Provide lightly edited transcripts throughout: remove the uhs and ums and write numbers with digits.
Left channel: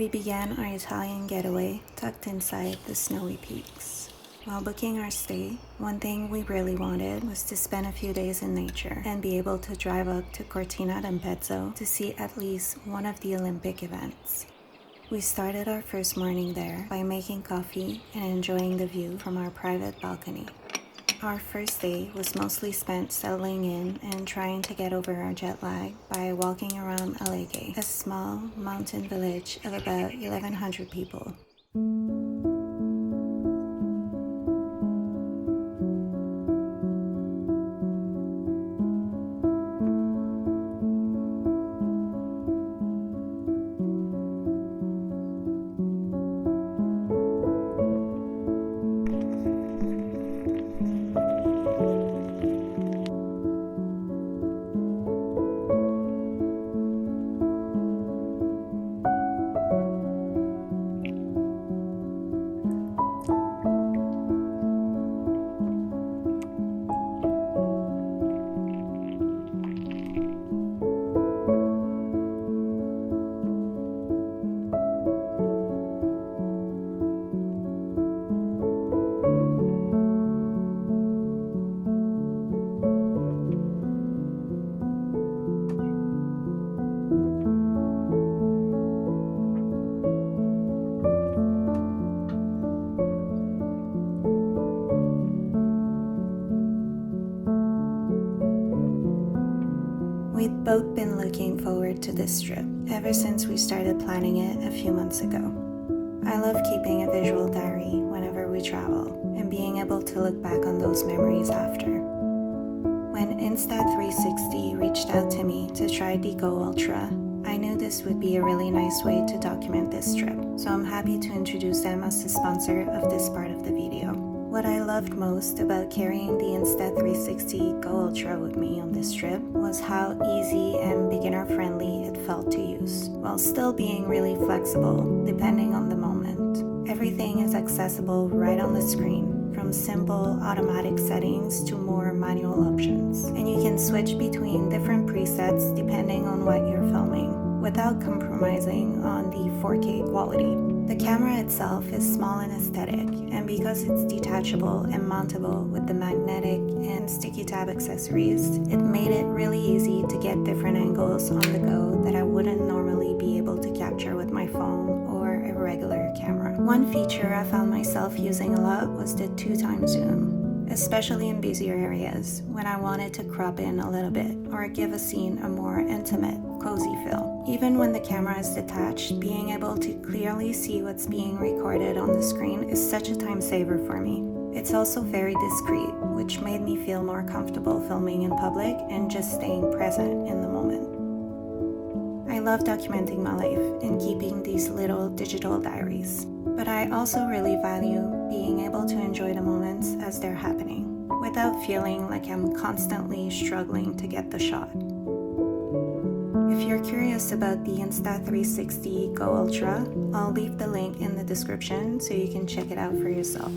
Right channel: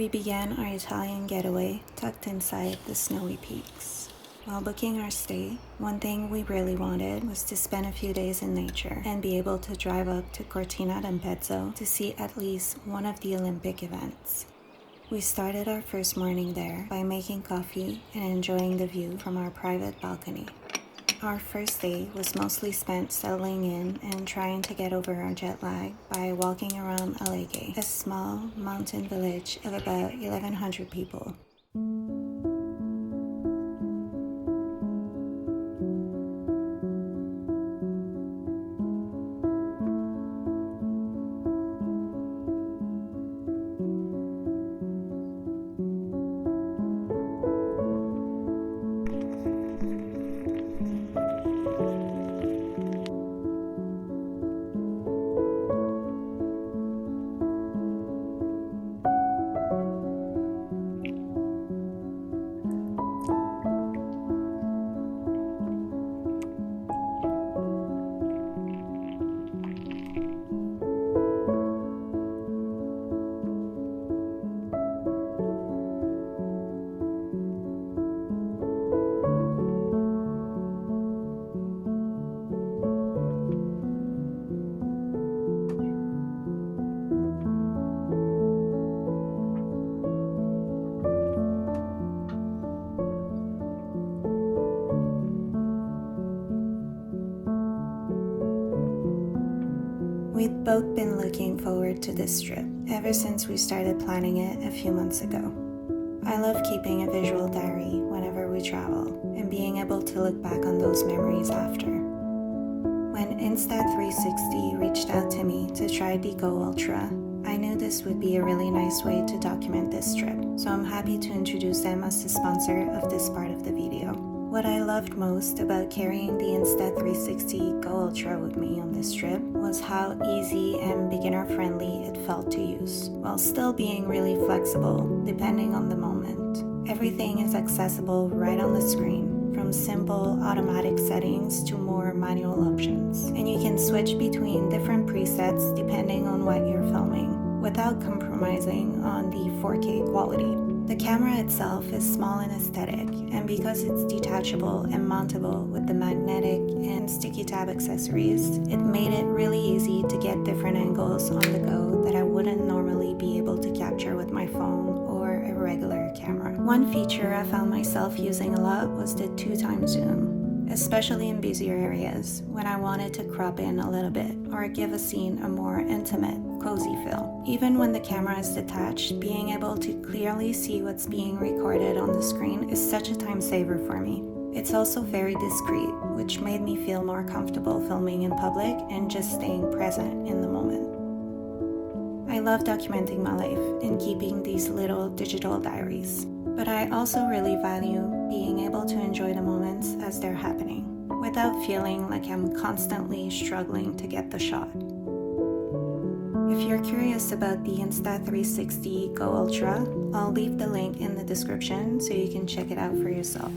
We began our Italian getaway tucked inside the snowy peaks. While booking our stay, one thing we really wanted was to spend a few days in nature and be able to drive up to Cortina D'Ampezzo to see at least one of the Olympic events. We started our first morning there by making coffee and enjoying the view from our private balcony. Our first day was mostly spent settling in and trying to get over our jet lag by walking around Alleghe, a small mountain village of about 1,100 people. We'd both been looking forward to this trip ever since we started planning it a few months ago. I love keeping a visual diary whenever we travel and being able to look back on those memories after. When Insta360 reached out to me to try the GO Ultra, I knew this would be a really nice way to document this trip, so I'm happy to introduce them as the sponsor of this part of the video. What I loved most about carrying the Insta360 GO Ultra with me on this trip was how easy and beginner-friendly it felt to use, while still being really flexible depending on the moment. Everything is accessible right on the screen, from simple automatic settings to more manual options, and you can switch between different presets depending on what you're filming, without compromising on the 4K quality. The camera itself is small and aesthetic, and because it's detachable and mountable with the magnetic and sticky tab accessories, it made it really easy to get different angles on the go that I wouldn't normally be able to capture with my phone or a regular camera. One feature I found myself using a lot was the 2x zoom, especially in busier areas when I wanted to crop in a little bit or give a scene a more intimate, cozy feel. Even when the camera is detached, being able to clearly see what's being recorded on the screen is such a time saver for me. It's also very discreet, which made me feel more comfortable filming in public and just staying present in the moment. I love documenting my life and keeping these little digital diaries, but I also really value being able to enjoy the moments as they're happening, without feeling like I'm constantly struggling to get the shot. If you're curious about the Insta360 GO Ultra, I'll leave the link in the description so you can check it out for yourself.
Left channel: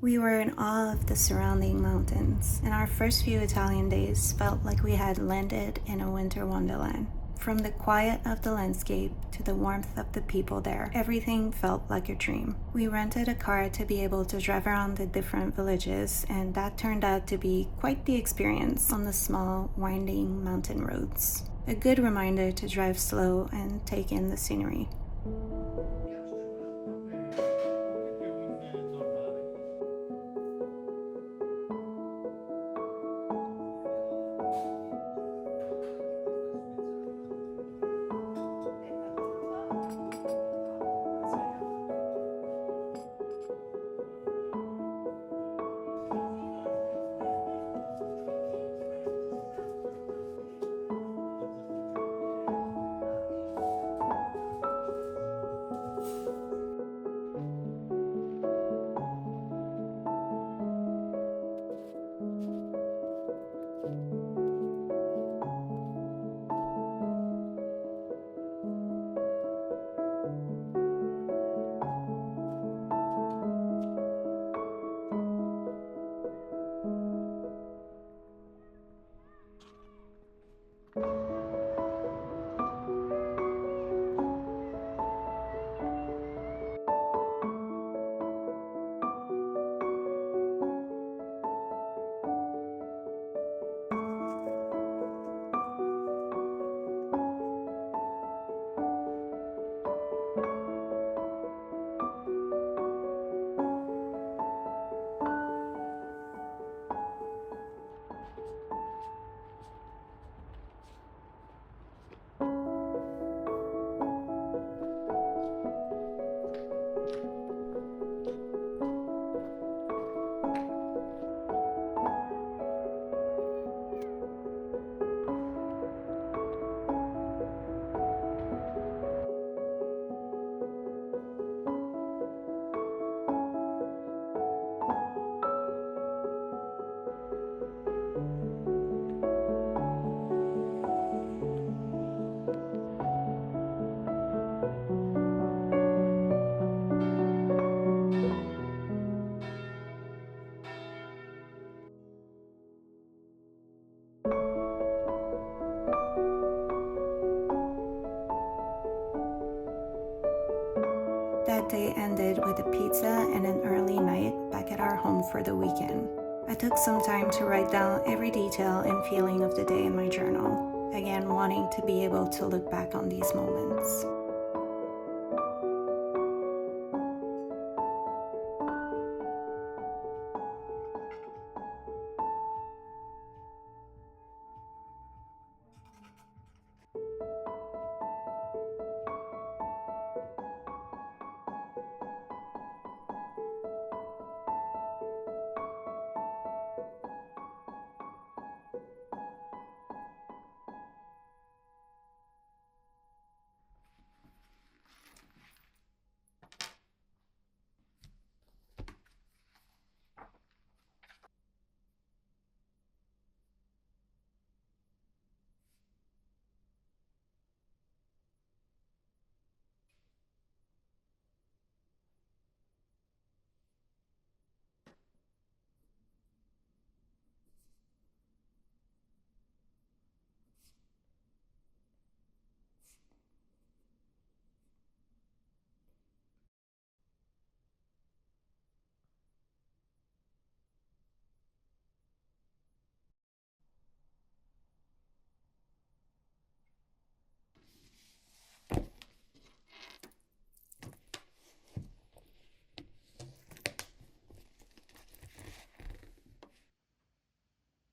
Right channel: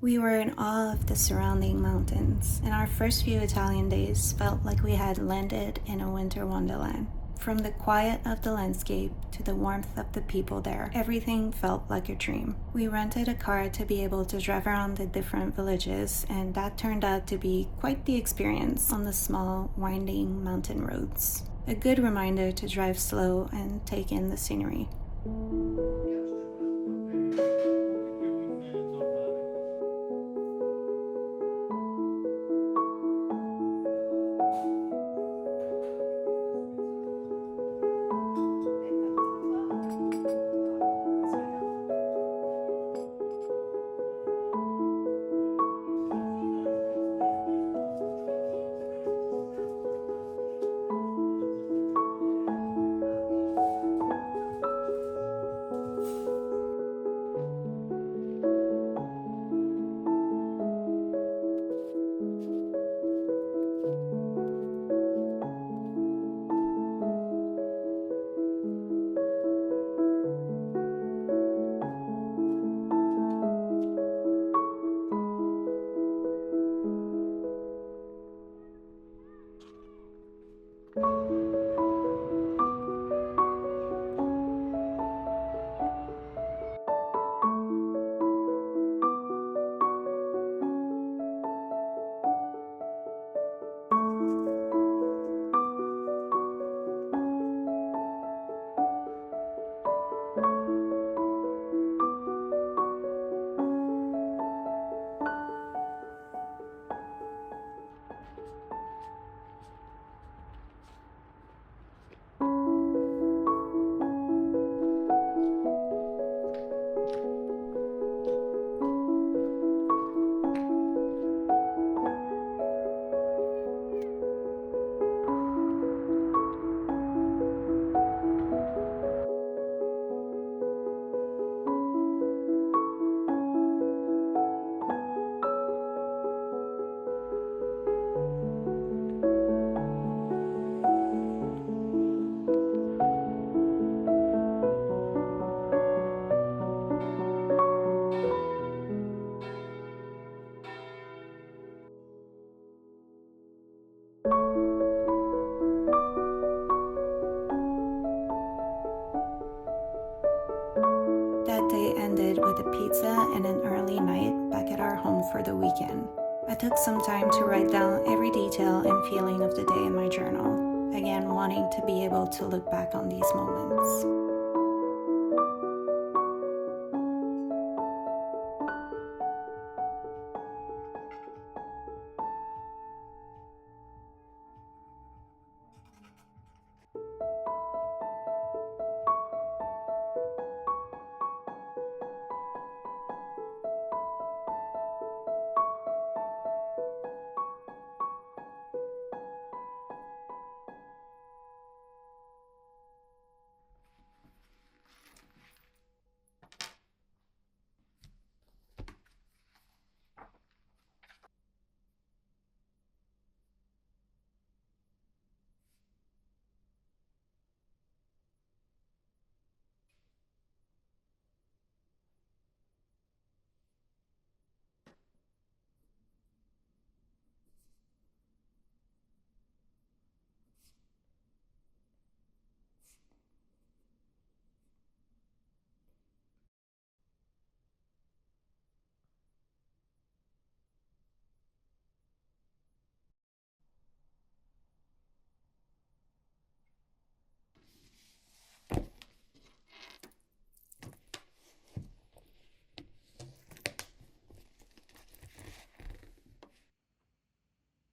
We were in awe of the surrounding mountains, and our first few Italian days felt like we had landed in a winter wonderland. From the quiet of the landscape to the warmth of the people there, everything felt like a dream. We rented a car to be able to drive around the different villages, and that turned out to be quite the experience on the small, winding mountain roads. A good reminder to drive slow and take in the scenery. with a pizza and an early night back at our home for the weekend. I took some time to write down every detail and feeling of the day in my journal, again wanting to be able to look back on these moments.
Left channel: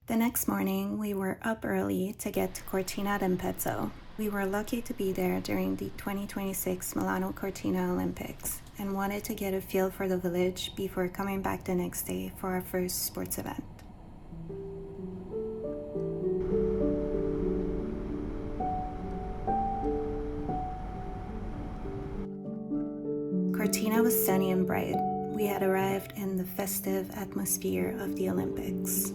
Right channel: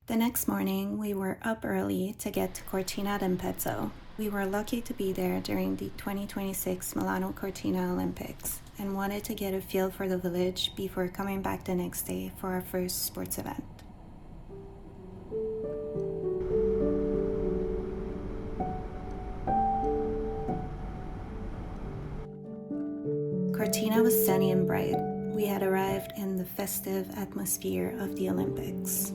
The next morning, we were up early to get to Cortina Olympic. We were lucky to be there during the 2026 Milano Cortina Olympics and wanted to get a feel for the village before coming back the next day for our first sports event. Cortina was sunny and bright. We had arrived in the festive atmosphere of the Olympics.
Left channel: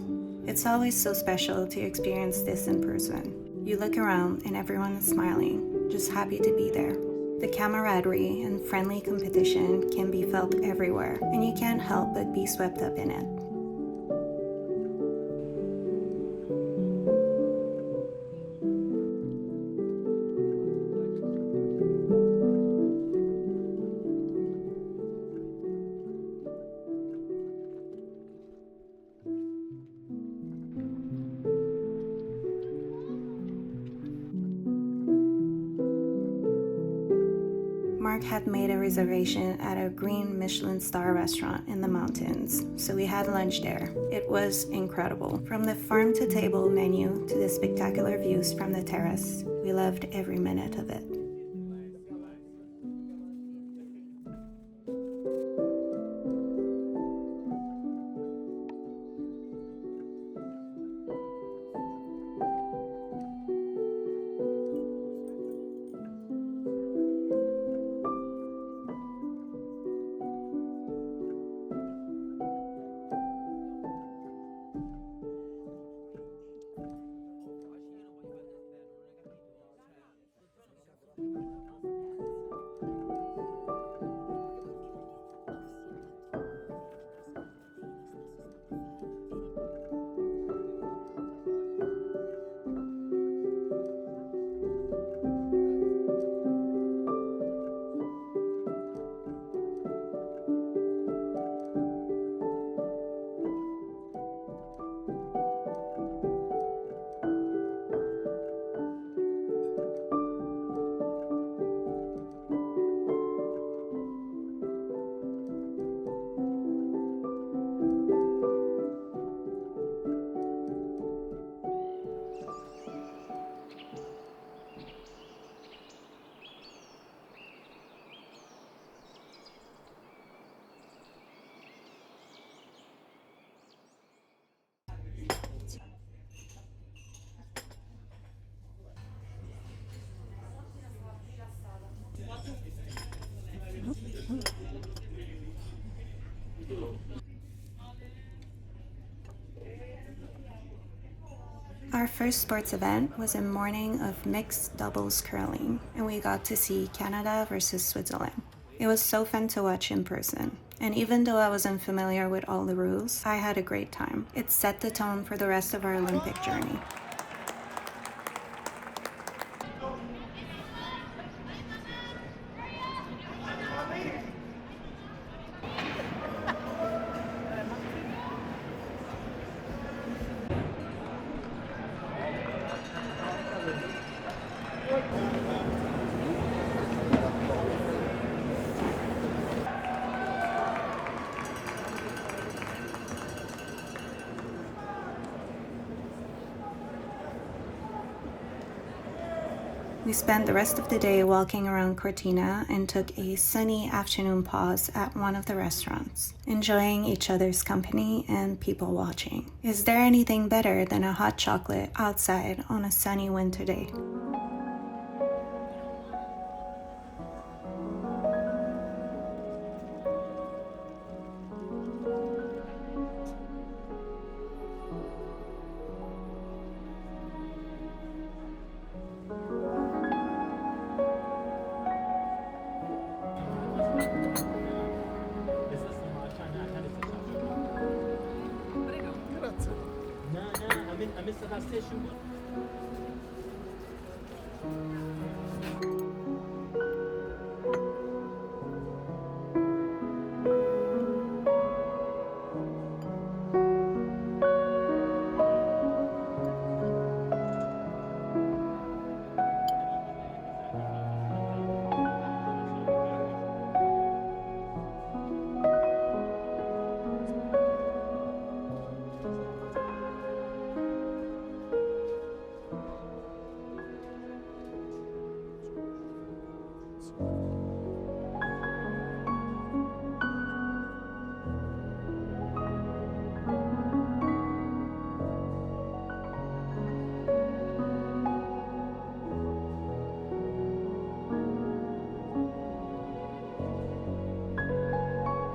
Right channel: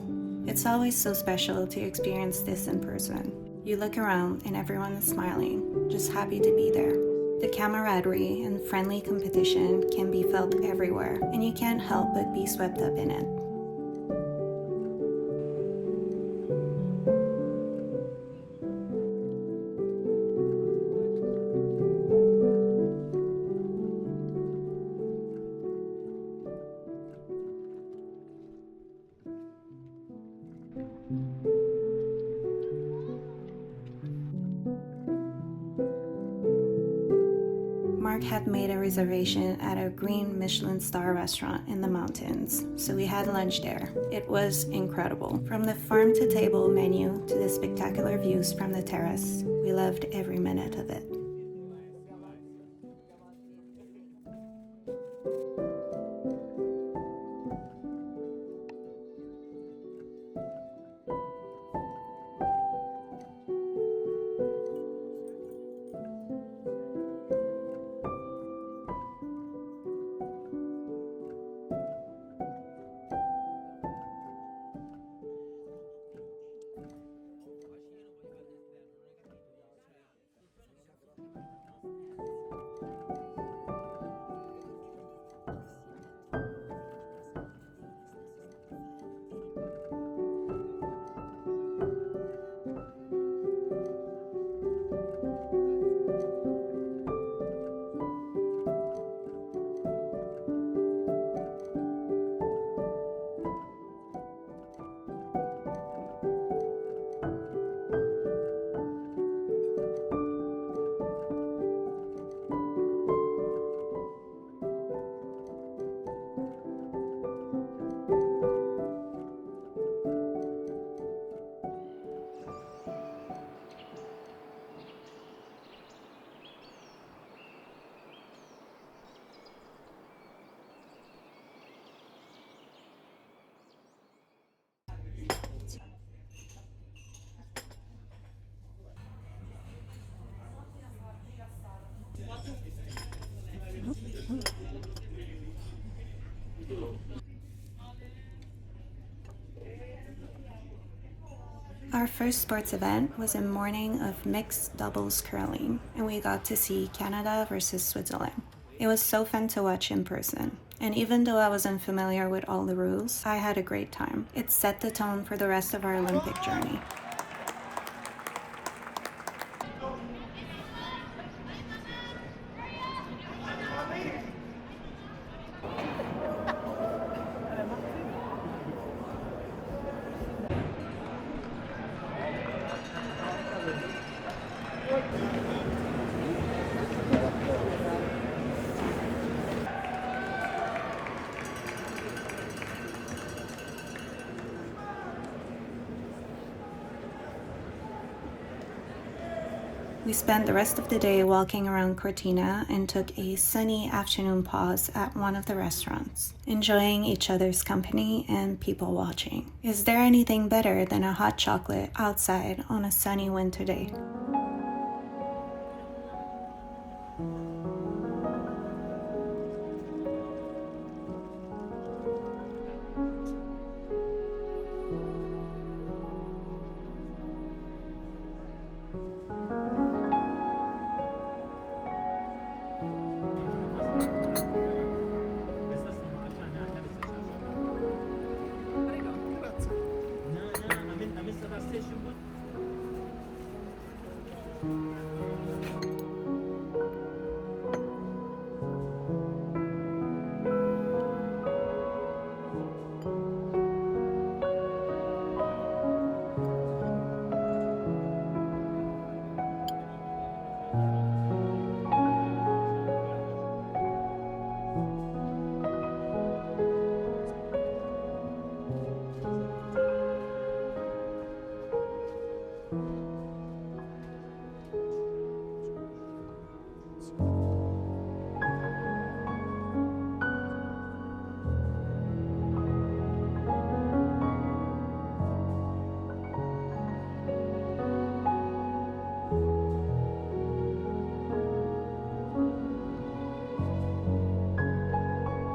It's always so special to experience this in person. You look around and everyone is smiling, just happy to be there. The camaraderie and friendly competition can be felt everywhere, and you can't help but be swept up in it. Mark had made a reservation at a green Michelin star restaurant in the mountains, so we had lunch there. It was incredible. From the farm to table menu to the spectacular views from the terrace, we loved every minute of it. Our first sports event was a morning of mixed doubles curling, and we got to see Canada versus Switzerland. It was so fun to watch in person, and even though I wasn't familiar with all the rules, I had a great time. It set the tone for the rest of our Olympic journey. We spent the rest of the day walking around Cortina and took a sunny afternoon pause at one of the restaurants, enjoying each other's company and people watching. Is there anything better than a hot chocolate outside on a sunny winter day?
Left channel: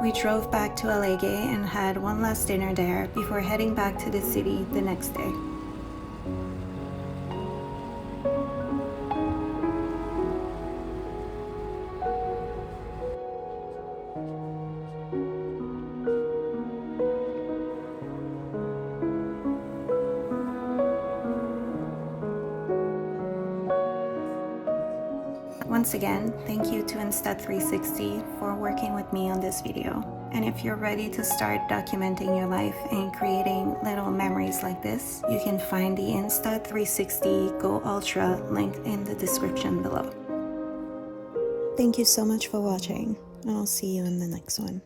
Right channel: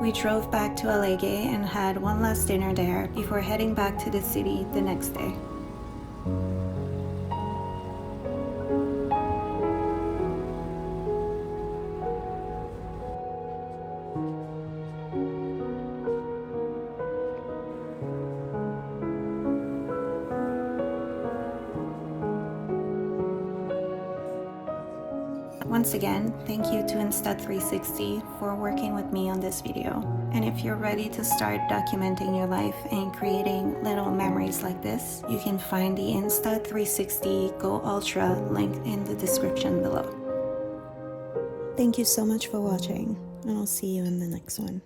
We drove back to Alleghe and had one last dinner there before heading back to the city the next day. Once again, thank you to Insta360 for working with me on this video. And if you're ready to start documenting your life and creating little memories like this, you can find the Insta360 GO Ultra link in the description below. Thank you so much for watching, and I'll see you in the next one.